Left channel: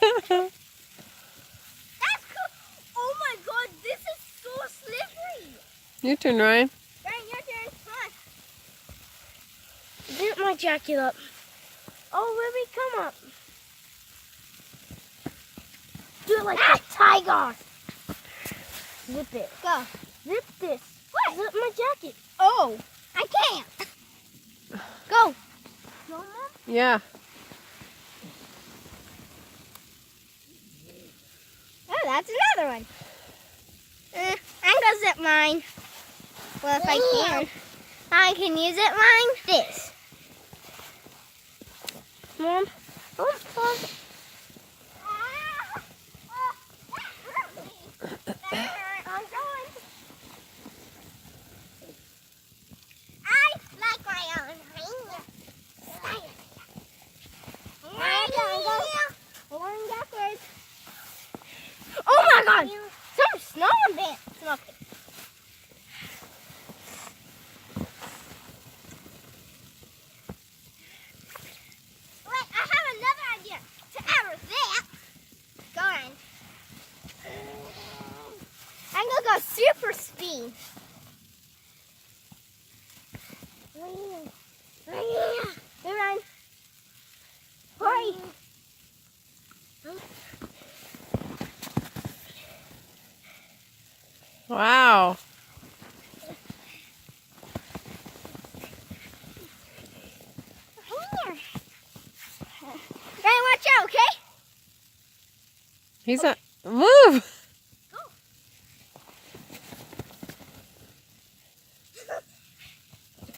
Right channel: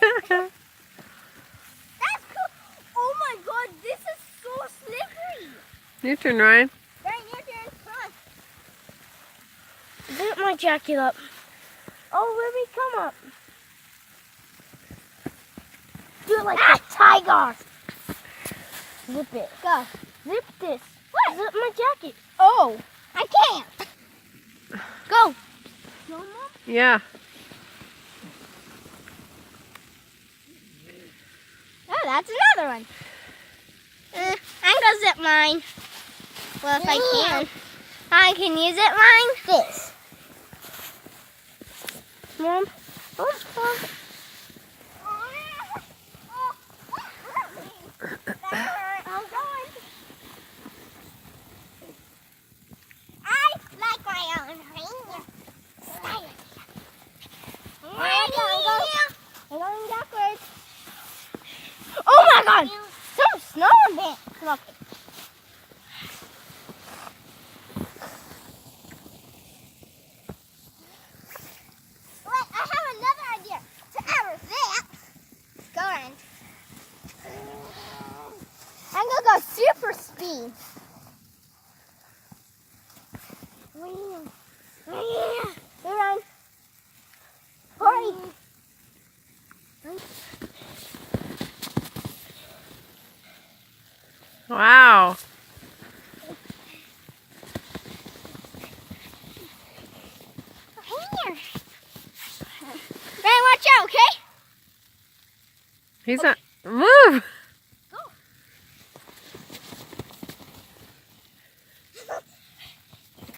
That's cool. Oh my god, this is so slippery. Your turn, Ryan. Ryan, your turn. Come on. Zip my jacket up. Oh, baby, come up. Do it like a tiger. Zip it. Go. Zip this. What? Zip my jacket. Oh, I can't. Go. No, Mom? Yeah. Oh, that's another one. I'm gonna zip mine. Well, if I can. I can use it mine. This. Mom. Oh, Mom. I'm going. I like my own finger. I'm going backwards. Oh my god! Some snow ants. Look. Wait, I have another idea to error that. Go on. I'm gonna go super speed. Go on. Hurry. Wow. Here. Ryan, watch out, okay? He's not. Move.